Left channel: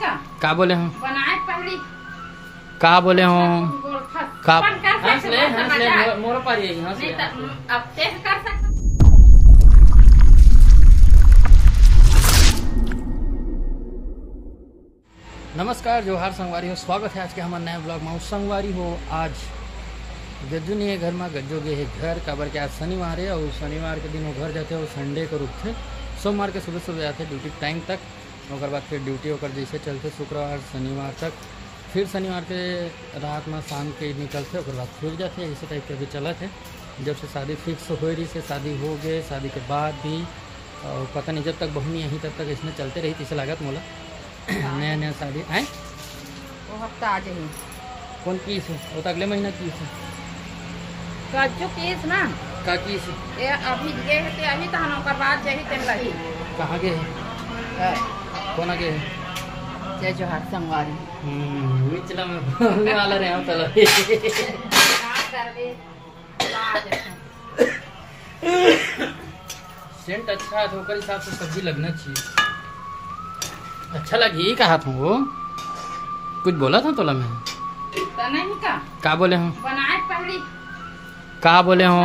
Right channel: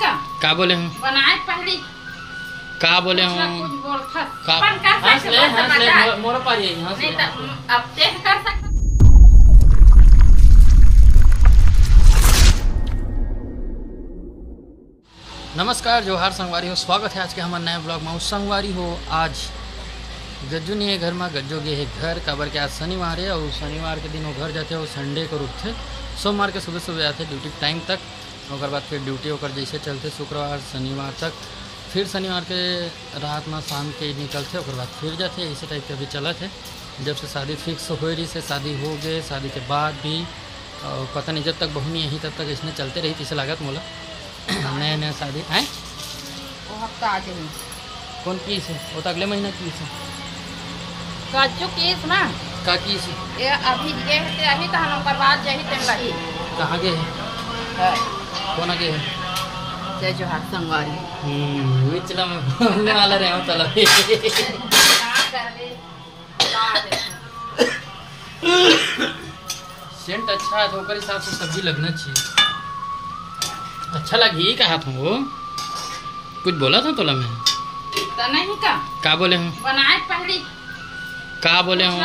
का बोले हूँ बनाए पहले का बोले हूँ का हंस ले मोरो पारी हंस ले अब देख कर सकते। नमस्कार जोहार संगवारी हो, स्वागत है आज के हमारे नए ब्लॉग में। संगवारी हो आज गज्जू नहीं है घर में, गज्जू गए है घर काबर के आज शनिवार है और शनिवार के दिन वो घर जाते हैं और संडे को रुकते, सोमवार के सुबह सुबह आते ड्यूटी टाइम तक, और बाद फिर ड्यूटी होकर जैसे चलते शुक्रवार शनिवार तक, फिर शनिवार के रात में शाम के निकलते और बाद फिर जाते। इसी टाइप के अभी चला थे जब से शादी फिक्स हो रही से शादी हो गए, शादी के बाद भी और पता नहीं जब तक बहू नहीं यहीं तब तक इसने चलते रही। इसे लागत मोला नया नया शादी आए वो हफ्ता आ जाए कौन की से वो तो अगले महीना की से कच्चो केस ना का की से ये अभी गए थे अभी तो हम ओकर बाद यही टाइम लगी। कहाँ गए है कौन आगे है जय जोहार संगवारी विचला में बोलने वाला रहे हो चलो सेंट अच्छा है तो ओकर हिसाब से सब्जी लगना चाहिए। अच्छा लगी कहा था वो कुछ बोला था तोला में तो नहीं का बोले हूँ बनाए पहले का बोले हूँ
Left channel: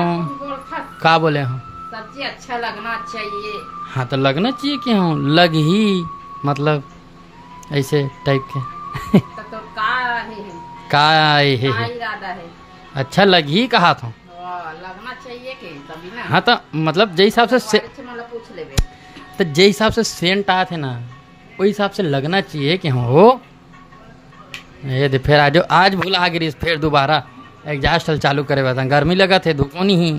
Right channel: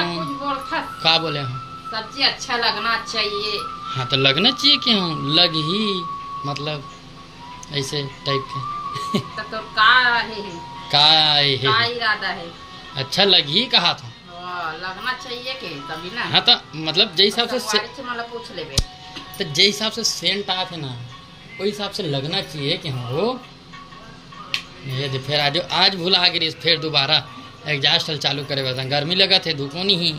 का बोले हूँ सब्जी अच्छा लगना चाहिए। हाँ तो लगना चाहिए कि हूँ लग ही मतलब ऐसे टाइप के तो का है का इरादा है अच्छा लग ही कहा था लगना चाहिए के तभी ना। हाँ तो मतलब जै हिसाब से मतलब पूछ लेबे तो जै हिसाब से सेंट आए थे ना वही हिसाब से लगना चाहिए कि हो ये दे फिर आज भूला गिरी फिर दोबारा एग्जॉस्ट चालू करे बता गर्मी लगा थे धूप नहीं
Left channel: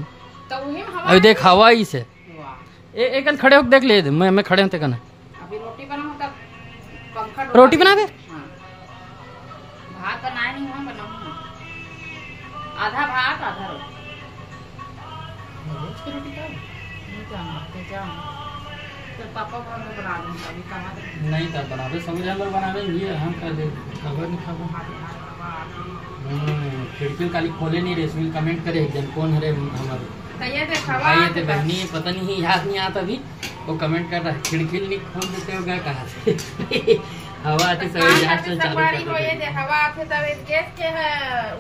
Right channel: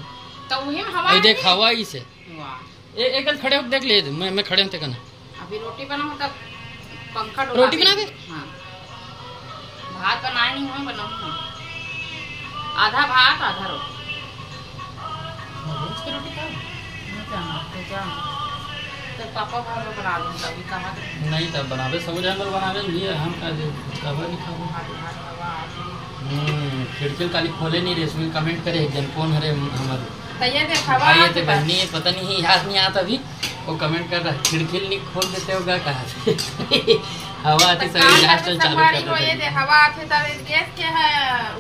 तो अभी देख हवा ही से एक खड़े होकर देख ले मैं खड़े होते कहना अभी रोटी बनाऊं तब पंखा रोटी बना दे हाँ। भात बनाए नहीं हुए बनाऊंगा आधा भात आधा रोटी तो पापा भात बना दूंगा अभी कहाँ नहीं तब बनावे सब जानवर बनावे ये हम खबर नहीं खाबो खिड़की काली खोले नहीं रेशमी कमेंट करे एक जन कौन हरे हमारे आइए थे बहनी पता नहीं याद नहीं आता अभी वो कमेंट कर रहा है खिड़की नहीं खोल देते होगा कहाँ से हवा आती सब एग्जॉस्ट चालू कर देते हवा आते तब गैस के है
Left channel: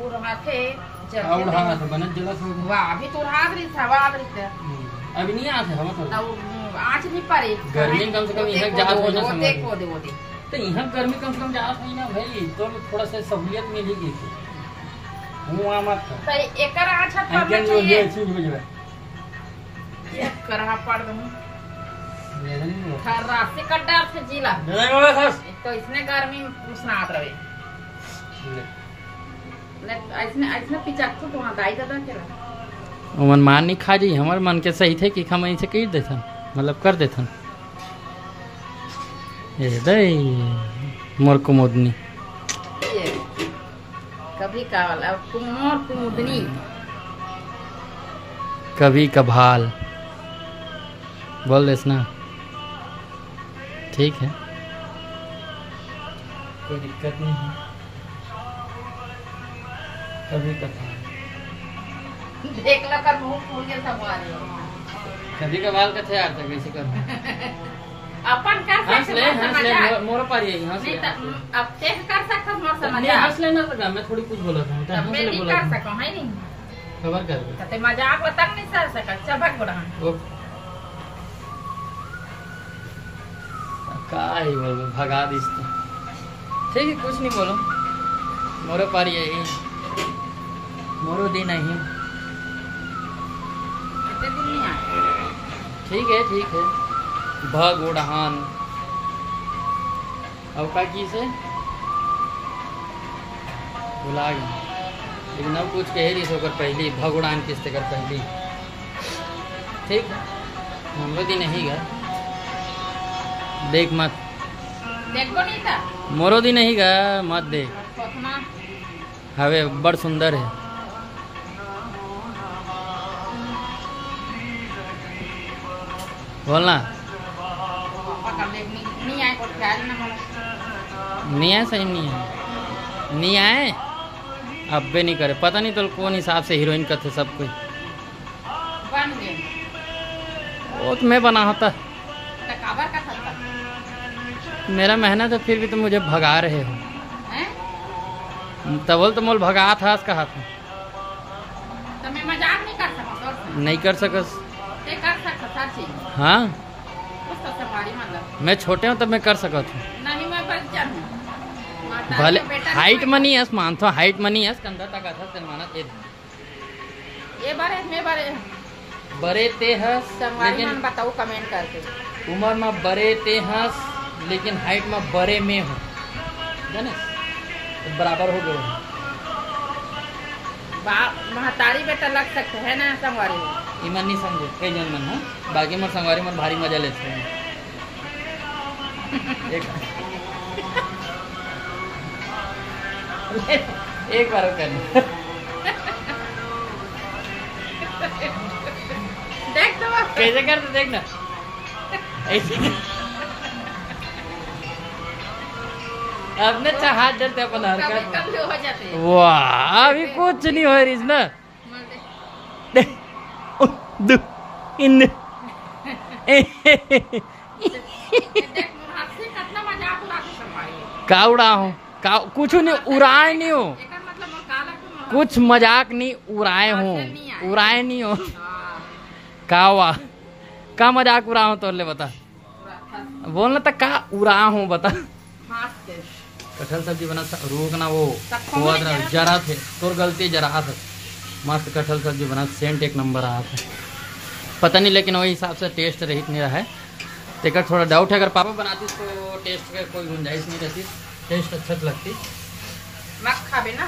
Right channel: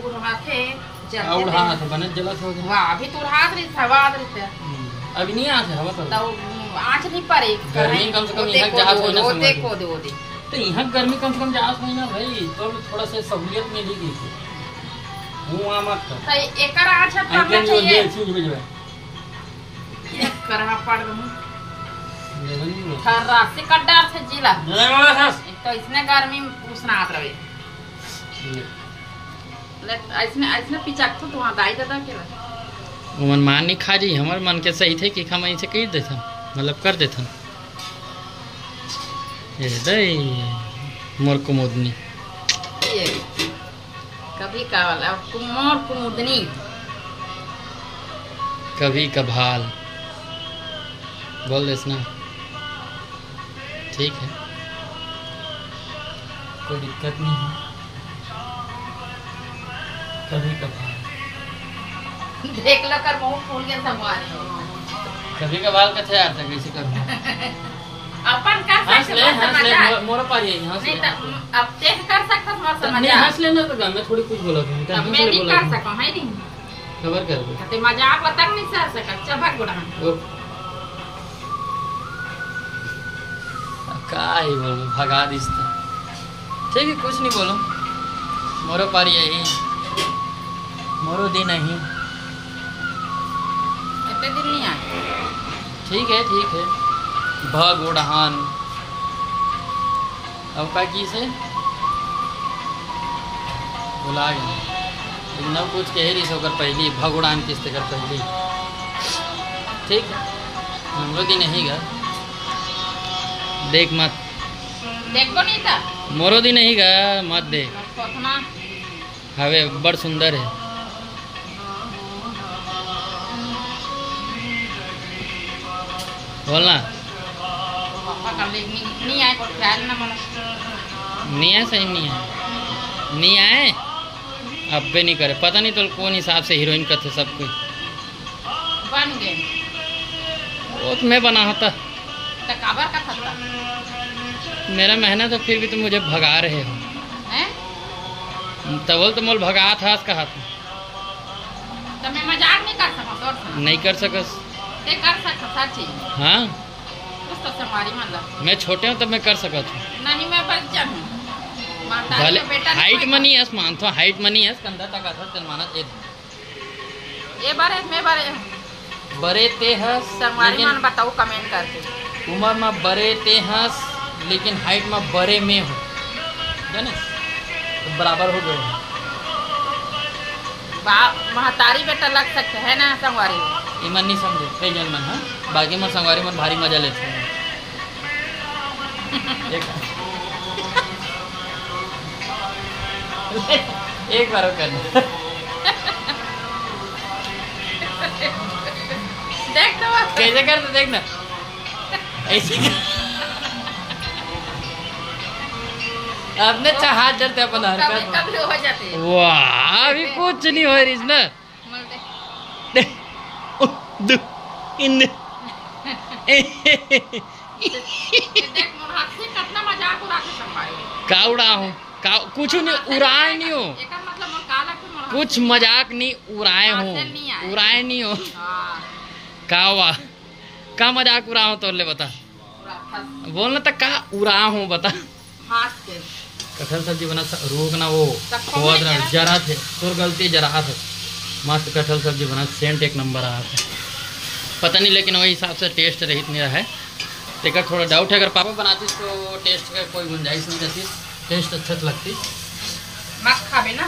उड़ाते उड़ा तो बनत जलत हो गया वाह अभी तो उड़ा रही हवा आ रही है अभी नहीं आते हवा तो आँच नहीं पड़ी गर्मी कम से कम यहाँ जहाज हो ना देखो तो यहाँ गर्मी कम से कम जहाज हो ना भाई तो थोड़ा सा सहूलियत मिलेगी वहाँ मत तो एकर आँच अंकन जो ये चीज भेजवा एक करहा पड़ गई थर्रा से कड्डार से जिला तो इसने गर्मी में पूछना आत रहे इसने पिचक तो वहाँ दाई दादा के मन मान नहीं खा जी हमारे मन के सही थे कि हम ऐसे कह देता मतलब कर देता ये दे मोर कुमुदनी कभी कावल अब मोर कुमुदनी कभी कभाल बोल देस ना ठीक है कोई दिक्कत नहीं है कभी कभाल देख लो कर मुंह फूल के संवारी कभी कभाल का थे यार तक कैसे कर अपन कर हंस ले मोरो पारी हंस ले अब देख कर सकता मोर समझ नहीं हंस लेना तो मैं थोड़ी कुछ बोला था मैं नहीं कर सकूं है नहीं खबर कर दे ते मजाक तक नहीं कर सका चबक गुड़ा का ही बोल भगा दिस तो ठीक है कुछ नहीं बोलो मोरो पारी यही मोरो दिन नहीं दिन नहीं आए ठीक है भगोड़हान अब का की से बुला गया लेकिन अब कुछ कह रही सोकर पहली भगोड़ान किस्त कर पहली ठीक हमरो दिन नहीं गा देख मत देखो नहीं था मोरो दिन नहीं गा मत देख हवे बड़ सुंदर है बोलना नहीं आए को ख्याल ना मन नहीं आए सही नहीं आए अब भी नहीं करे पता नहीं तो कौन हिसाब से हीरोइन का थे सब कोई बन गए वो तो मैं बना होता तो काबर का था मेरा मेहनत है फिर भी तुम मुझे भगा रहे हो। हैं? तबल तो मोल भगा था इसका हाथ में। तो मैं मजाक नहीं कर सकता तोर से। नहीं कर सकस। ते कर सकता सच्ची। हाँ कुछ तो संगवारी मतलब। मैं छोटे हूँ तब मैं कर सकत हूँ। नहीं मैं बच्चा हूँ। भले हाइट मनी है मानता हूँ, हाइट मनी है कंधा तक आता तेरे माना ये बारे में बारे बरे ते हस संगवारी लेकिन मन बताओ कमेंट करके। उम्र में बरे ते हस लेकिन हाइट में बरे में हो ना तो बराबर हो गए। महतारी बेटा लग सकते है ना संगवारी। ईमन नहीं समझे कई जन मन। हाँ बाकी मन संगवारी मन भारी मजा लेते हैं। एक बार करना देख तो कैसे करते देखना ऐसे अपने हाथ डरते अपन हरकत कभी हो जाती है। वाह अभी कुछ नहीं हो रही ना देख मोर हाथ से कितना मजाक उड़ा के संगवारी। का उड़ा हूँ का कुछ नहीं उड़ाए नहीं हो। एकर मतलब मोर काला के मोर कुछ मजाक नहीं उड़ाए हाथ हूँ से नहीं आए। उड़ाए नहीं हो। हां का वाह का मजाक उड़ा हूँ तो ले बता पूरा फंस बोलना तक का उड़ा हूँ बता। हाथ से कटहल सब्जी बना रोक ना वो हुआ था जरा थे तोर गलती जरा था। मस्त कटहल सब्जी बना सेंट एक नंबर आया था पता नहीं लेकिन वही हिसाब से टेस्ट रहित नहीं रहा है। लेकिन थोड़ा डाउट है अगर पापा बनाती तो टेस्ट का कोई गुंजाइश नहीं रहती। टेस्ट अच्छा लगती मत खाबे ना।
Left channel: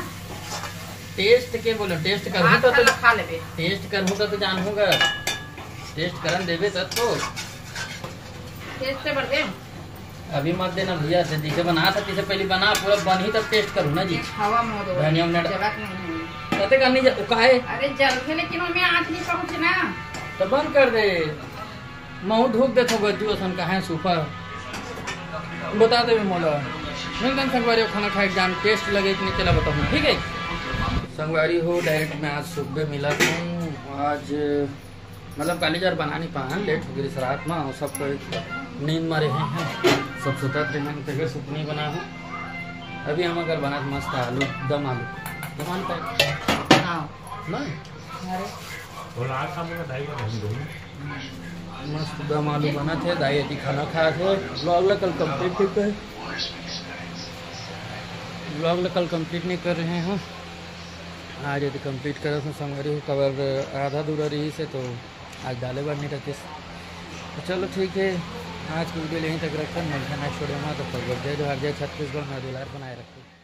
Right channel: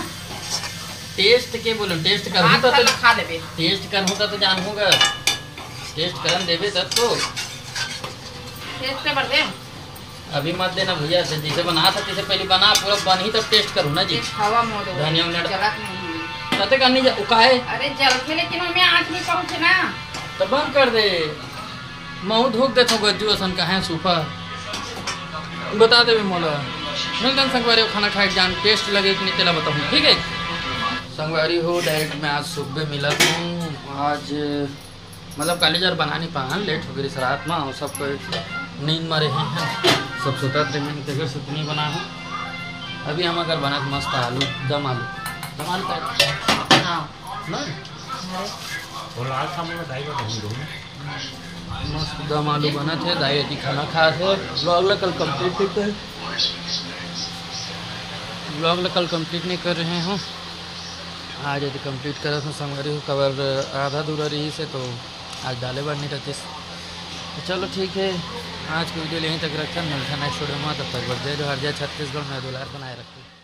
टेस्ट के बोलो टेस्ट हाथ करूँ का तो खा लेबे। टेस्ट करूँ तो जानूंगा टेस्ट करन देवे तब तो। टेस्ट के बढ़ दे अभी मत देना भैया जैसे बना था तैसे पहले बना पूरा बन ही तब टेस्ट करूँ ना जी। हवा मोड़ धनिया में जलत नहीं है। कते करनी उकाए अरे जलते लेकिन उसमें आँच नहीं पहुँचे ना। तो बंद कर दे महू धोक देता गज्जू असन का है सूफा बता दे मोला मिलता संगवारी हो खाना खाए जान टेस्ट लगे कि नहीं तेला बताऊँ ठीक है। संगवारी हो डायरेक्ट में आज सुबह मिला हूँ आज मतलब कालीजार बना नहीं पान लेट हो गई रात में और सब नींद में रहे हैं सब सुता थे मैंने फिर सुतनी बना हूँ। अभी हम अगर बना तो मस्त आलू दम आलू हाँ मस्त दम आलू बना थे दाई अति खाना खाए थे। ब्लॉग ला कल कंप्लीट नहीं कर ब्लॉग ला कल कंप्लीट नहीं कर रहे हैं आज यदि कंप्लीट करा तो संगवारी हो कवर आधा दूरा रही से तो आज डाले बार नहीं रहती। तो चलो ठीक है आज की वीडियो यहीं तक रखा मिलता नेक्स्ट वीडियो में तब तक बढ़ते जो हर जगह छत्तीसगढ़ में दुलार बनाए रखते।